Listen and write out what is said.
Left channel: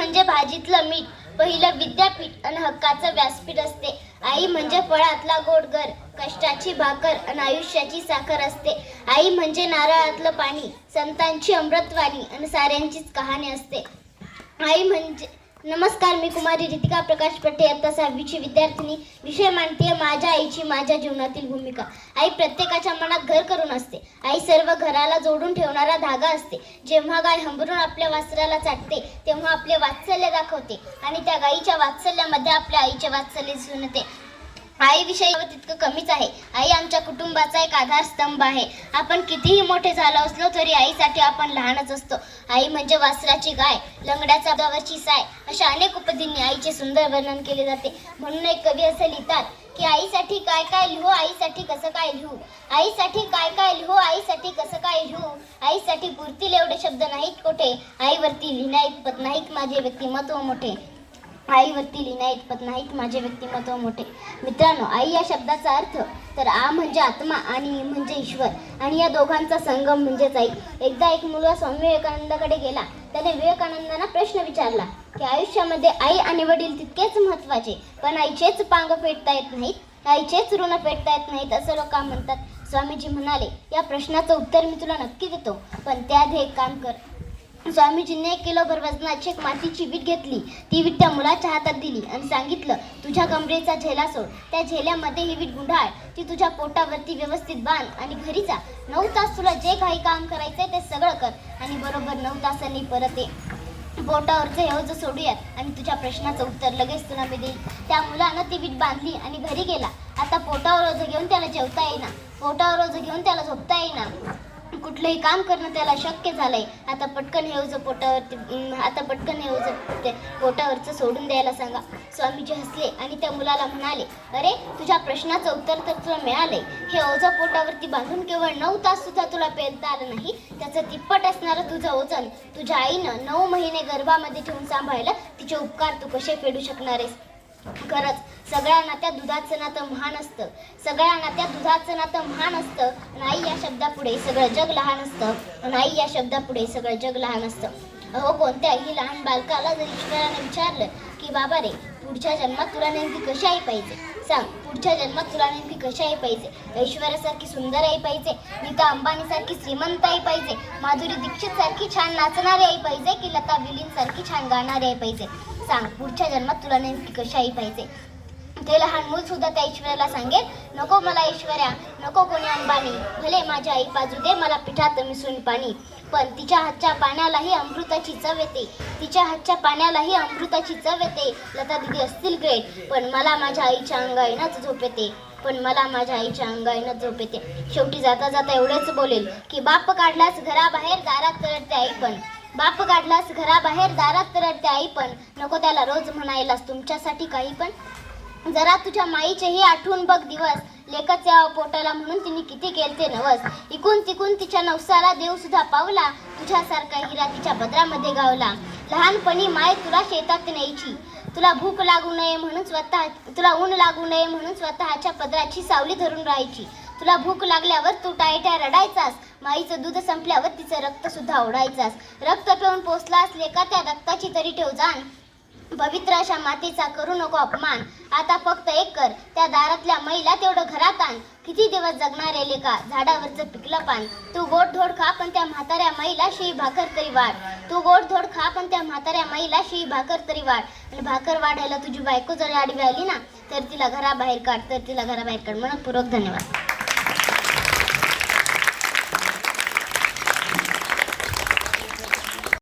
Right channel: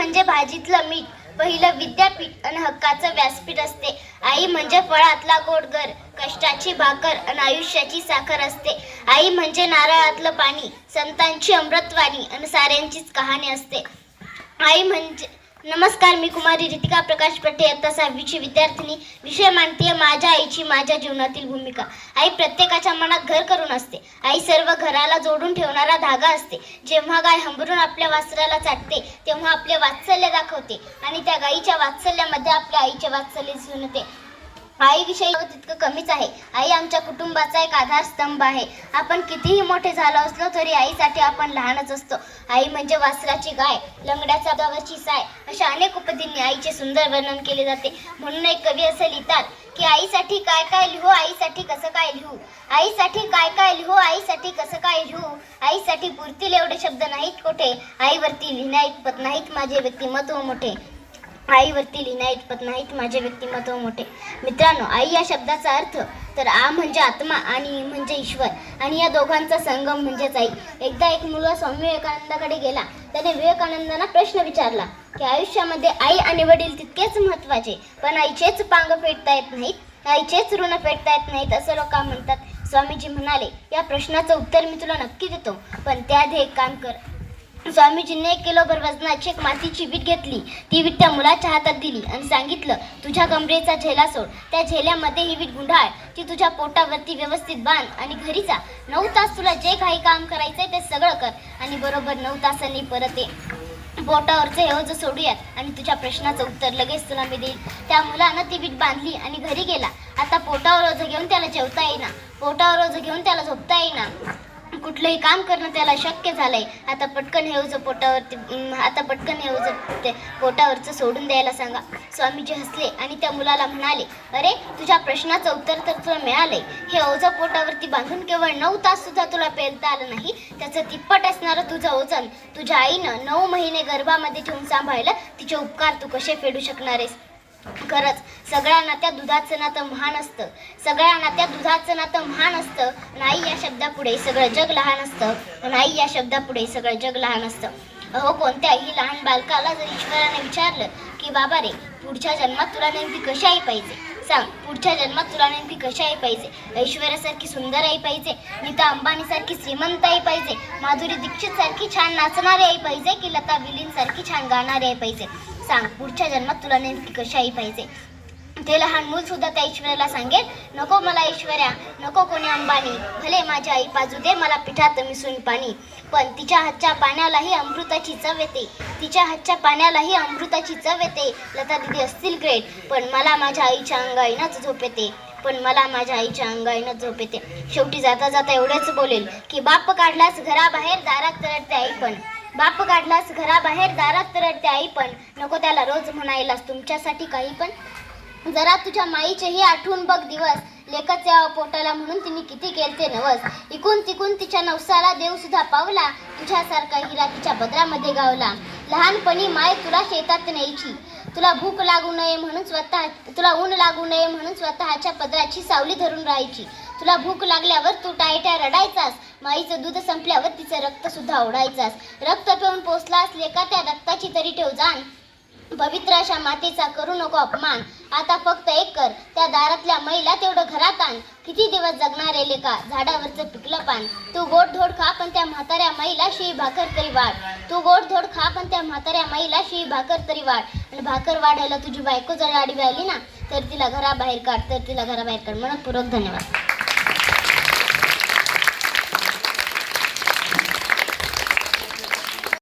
म्हणजे भाजीतलं मीठ, पहिलं विद्यापीठ आणि हक्काचं व्यासपीठ असते. आई म्हणजे फळातला गोडगर, कष्टाची भाकर आणि आयुष्याची साखर असते. आई म्हणजे नारळातलं पाणी, संतांची अमृतवाणी आणि साऱ्यांचीच कहाणी असते. आई म्हणजे नमस्कार, मी कुमारी रितिका प्रकाश पट्टे, इयत्ता 6वीची विद्यार्थिनी. विषय मांडते माझ्या आईची माझ्या जीवनातील भूमिका. आई प्रत्येकाच्या मनात घर करून असते. आई सर्व घराला जोडून ठेवणारा धागा असते. जेव्हा गाय हंबरून आपल्या वासराला चाटते तेव्हा आपले वात्सल्य दाखवते आणि त्या गाईच्या वात्सल्यामध्ये आपल्या आईचे वात्सल्य दिसून येते. आईविषयी तितकं कमीच आहे. आई आमच्या कुटुंबाचा एक आधारस्तंभ आहे. आपण कितीही मोठे झालो असलो तरी आईसाठी आपण लहानच असतो. आई म्हणजे वासराची गाय, लंगड्याचा गावाची साय, अशा अनेक उपदींनी आईचे सुंदर वर्णन केले जाते. म्हणून एक कवी असे लिहितात की आईसाठी काय काय लिहू, आईसाठी कसं काय लिहू, आईसाठी काय काय लिहू, आईसाठी कसं काय लिहू, आईसाठी पुरतील एवढे शब्द नाहीत कोठे, आईवरती लिहिण्या इतपत नाहीत माझे व्यक्तिमत्व मोठे, आईवरती लिहिण्या इतपत नाहीत माझे व्यक्तिमत्व मोठे. मित्रांनो, आई या शब्दाचा अर्थ तर आ म्हणजे आत्मा आणि म्हणजे ईश्वर, आणि या दोघांचा संगम म्हणजेच आई. एकदा एक मुलगा स्वामी विवेकानंदाकडे गेला. त्याने विवेकानंदांना प्रश्न विचारला की आयुष्यामध्ये आई आणि वडील तितकेच महत्त्वाचे, पण आईचेच पांग फेडता येत नाहीत, आईचेच ऋण फेडता येत नाहीत असं लोक म्हणतात. स्वामीजी म्हणाले, या प्रश्नाचं उत्तर मी तुला नक्की देतो, पण त्याआधी एक काम कर. स्वामीजींनी 1 किलोभर वजनाची एक मातीची वीट घेतली. ती वीट त्या मुलाच्या हातात दिली आणि सांगितलं, तुझ्या कमरेचा झेला सोड, त्या झेल्यामध्ये ही वीट गुंडाळ, ती तुझ्या पोटावरती व्यवस्थित बांध आणि घरी जा. 9 तास तुला जे काही काम करायचंय ते सगळं कर आणि बरोबर 9 तासांनी परत ये. पोटावरचं हे ओझं सोडूयात आणि तुझ्या प्रश्नाचं उत्तर लगेच तुला मी देईन. त्या मुलानं ती वीट बांधली आणि घरी गेला. आता पोटावर ओझं घेऊन त्याला जेवता येईना, पोटावर ओझं घेऊन त्याला झोपता येईना, कुठलंही काम करणं त्याला शक्य झालंय. आता पटकन हे ओझं पोटावरचं सोडून द्यायला सांगा. स्वामीजी हसले आणि त्या मुलाला म्हणाले, अरे तुझ्या प्रश्नाचं उत्तर तर तुला मिळालंय. हे ओझं पोटावरती बांधून केवळ 9 तास सुद्धा तुला पेलता आलं नाही, त्याचं तिप्पट असणारं तुझं ओझं तुझ्या आईनं 9 महिने गर्भामध्ये ठेवून सांभाळलं. तिचे उपकार तू कसे फेडू शकणार आहेस? खरंच सगळ्या नात्यात दुधाचं नातं महान असतं, सगळ्या नात्यात दुधाचं नातं महान असतं. आणि आई या शब्दापुढे सगळं जग लहान असतं, आणि आई या शब्दापुढे सगळं जग लहान असतं. अहो, कोणत्याही लहान बालकाला जर ईश्वराने विचारलं की बाबा रे, पुढच्या जन्मात तुला नेमकी कशी आई पाहिजे, सांग, पुढच्या जन्मात तुला नेमकी कशी आई पाहिजे? ऐश्वर्यासारखी सुंदर आई पाहिजे, नीता अंबानीसारखी श्रीमंत आई पाहिजे, माधुरी दीक्षित सारखी छान नाचणारी आई पाहिजे, की लता विलींसारखी छान गाणारी आई पाहिजे? सांग, पुढच्या जन्मात तुला नेमकी कशी आई पाहिजे? ते लहान मूल सुद्धा त्या ऐश्वर्याला सांगेल, नको मला ऐश्वर्या, नको कोणी अंबानी, भले माझी आई पाजू दे मला पिठात मिसळून पाणी, पण तिच्या हातच्या पाण्यालाही अमृताची चव येते, तिच्या हातच्या पाण्यालाही अमृताची चव येते. लता दीदी असतील ग्रेट, पण मला माझ्या आईच्या अंगाईनच झोप येते, पण मला माझ्या आईच्या अंगाईनच झोप येते. शेवटी जाता जाता एवढेच बोलेल की बाप काढलास घराबाहेर दारात तरडते आई पण, बाप काढलास घराबाहेर दारात तरडते आई पण, नको त्याला रोज म्हणायलास तुमच्यासाठी काही पण. जरा तुझ्या माईचेही आठवून बघ दिवस, लेकाच्या पोटाला म्हणून तिने किती केलते नवस, इकून तिकून तिच्या नवसाला देव सुद्धा पावला, तुझ्यासारखा हिरा तिच्या बद्रामध्ये गावला. लहानपणी माय तुला शेतात न्यायची, तुला भूक लागू नये म्हणून तुला ऊन लागू नये म्हणून स्वतःच्या पदराची सावली धरून राहायची. तुला भूक लागल्यावर तू टायट्या रडायचास, माईचं दूध संपल्यावर तिचं रक्त सुद्धा ओढायचास. रक्त पिऊन पोचलास लेका त्या रक्ताची तरी ठेव जाण, पवित्र अशा मातेचा करू नको अपमान. आता फक्त एक कर, त्या दारातल्या मैला तेवढं घरात आण, किती दिवस जगणार आहे लेका झाडावरचं पिकलं पान. तू गोड धोड खा पण त्या म्हाताऱ्या मैला शिळी भाकर तरी वाढ, तू गोड धोड खा पण त्या म्हाताऱ्या मैला शिळी भाकर तरी वाढ. आणि भाकर वाढायला तुझी बायको जर आडवी आली ना, तर तिला घराबाहेर काढ, तर तिला घराबाहेर काढ. मनपूर्वक धन्यवाद.